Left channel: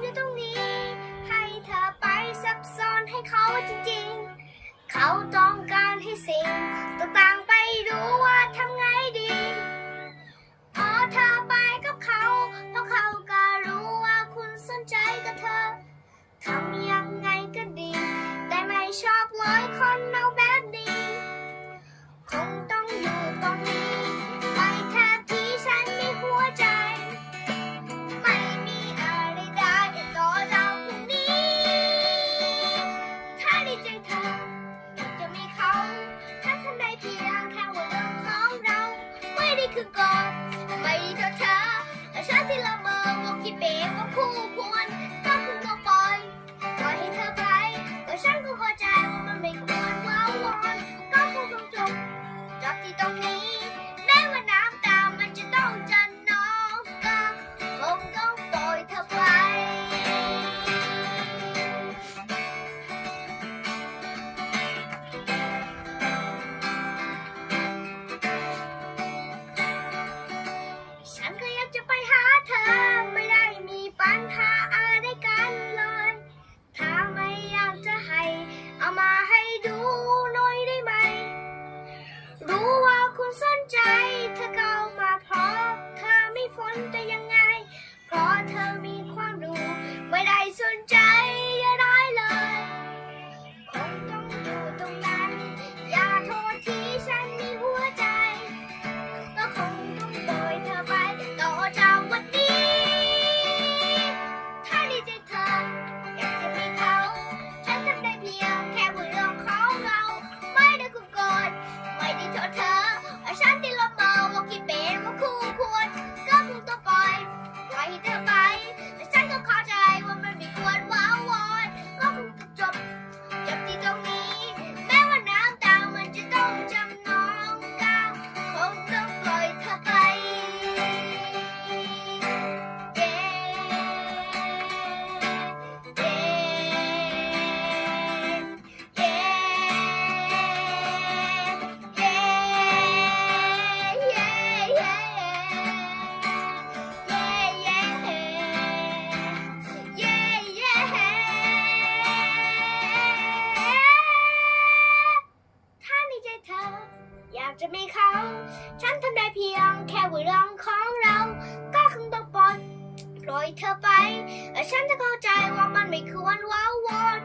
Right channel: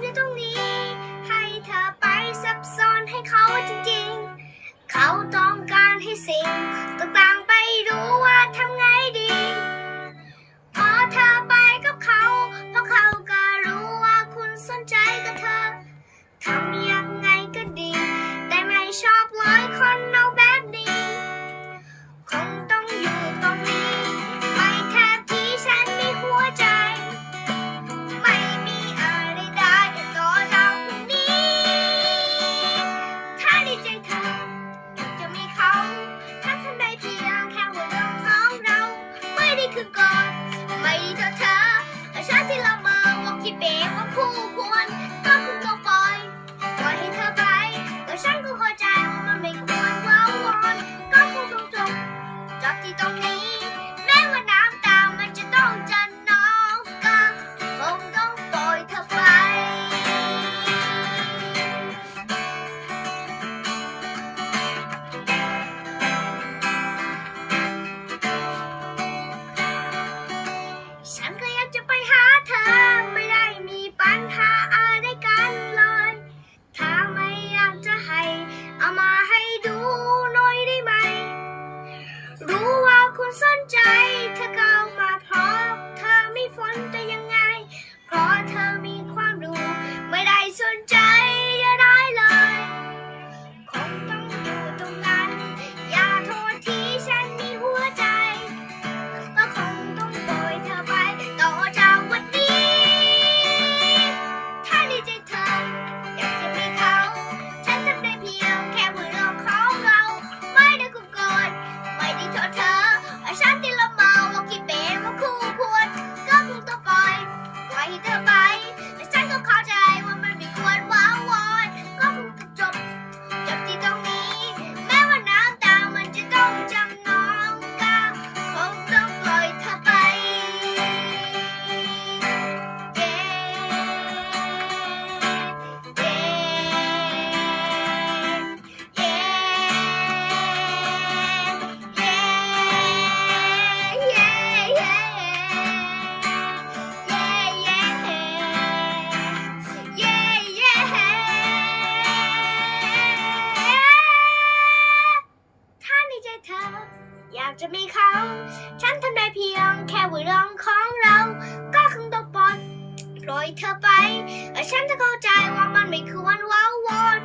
อยู่ตรงนี้ ให้เธอไปซับซ้อนให้เขาจริงๆ เขาต้องการให้สิ่งต่างๆไปรู้ ถึงก่อน ไม่ดเธอช้าชาติที่เรามอว่าคิดเป็นว่าคู่ควร fun thing the จะไม่เขาฉันทำได้เพียงแค่หัวเรื่องของเรา ก็คงต้องปล่อยเธอไปแต่ฉันจะเข้าใจว่ามันไม่คือวันว้าวอน